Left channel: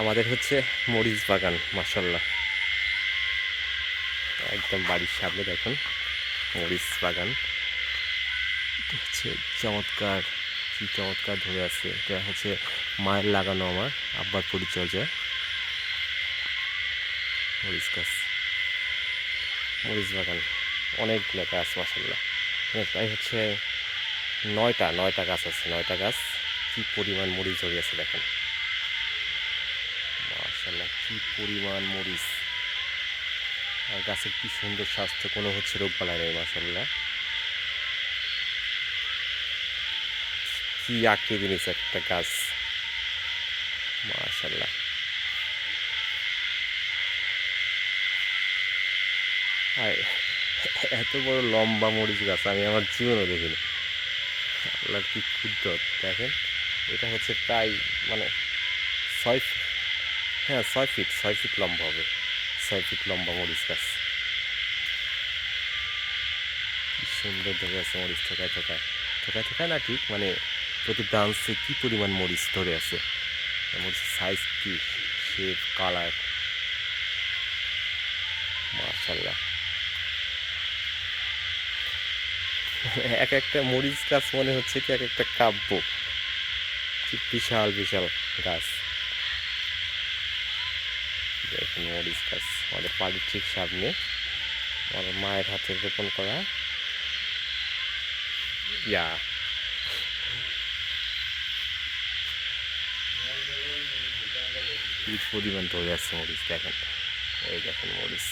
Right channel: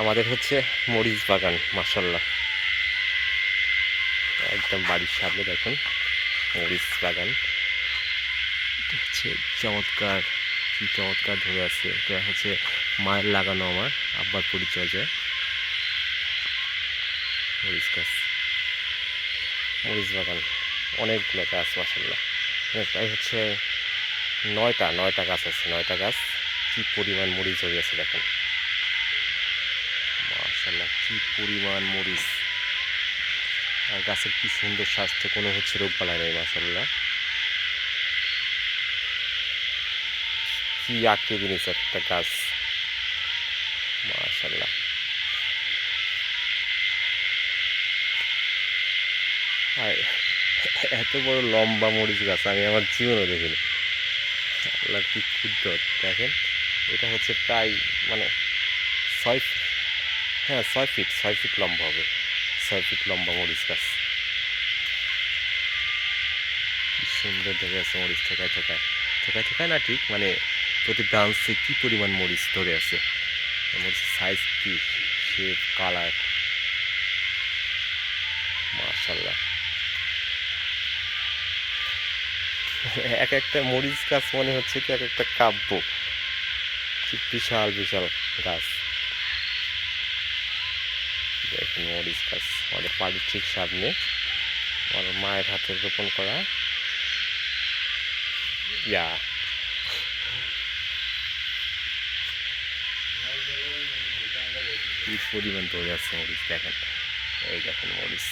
আমাদের হচ্ছে মরিচ বাগান, মাশাল্লাহ, একদম বাড়ির সামনে দেখুন মরিচ বাগান। এটা হচ্ছে চমৎকার, কি চমৎকার ধরে আছে। এটা হচ্ছে মায়ের লাগানো, আমার আব্বার পরিচর্যা মরিচ গাছ, মরিচ বাগান অনেকগুলো গাছ মাশাল্লাহ। প্রায় হচ্ছে নয়টা গাছ আছে, 9টা গাছ। কি পরিমাণ মরিচ ধরে আছে দেখেন, মাশাল্লাহ, কি পরিমাণ মরিচ। আর গাছের কি সুন্দর স্বাস্থ্য, কোনো হচ্ছে রোগ বালাই নেই মাশাল্লাহ। কি আকৃতি নিয়েছে একটা গাছ, মাশাল্লাহ। আর এত বড় লম্বা মরিচ গাছ আমি আমার জীবনেও দেখিনি। আল্লাহর কি কুদরত দেখেন। এটা হচ্ছে প্রায় মানে 6 ফিট, হ্যাঁ 6 ফিট লম্বা হবে, 6 ফিট লম্বা মরিচ গাছ। কি সুন্দর ধরে আছে মরিচ, থোকায় থোকায়, থোকায় থোকায় না ঠিক, মানে প্রতি ব্রাঞ্চে কি পরিমাণ মরিচ ধরে আছে। মরিচের সাইজ কি, শেপ, কালার, মাশাল্লাহ। এক একটা মরিচ গাছ মনে হচ্ছে কি এক একটা কাব্য, কি বিশাল বিশাল গাছ। দেখুন মরিচ গাছ আমাদের বাড়ির ঠিক সামনে, আমার মায়ের হাতে রোপণ করা। ইয়া, কি পরিমাণ ধরে আছে মরিচ দেখেন, এই দেখেন মরিচ।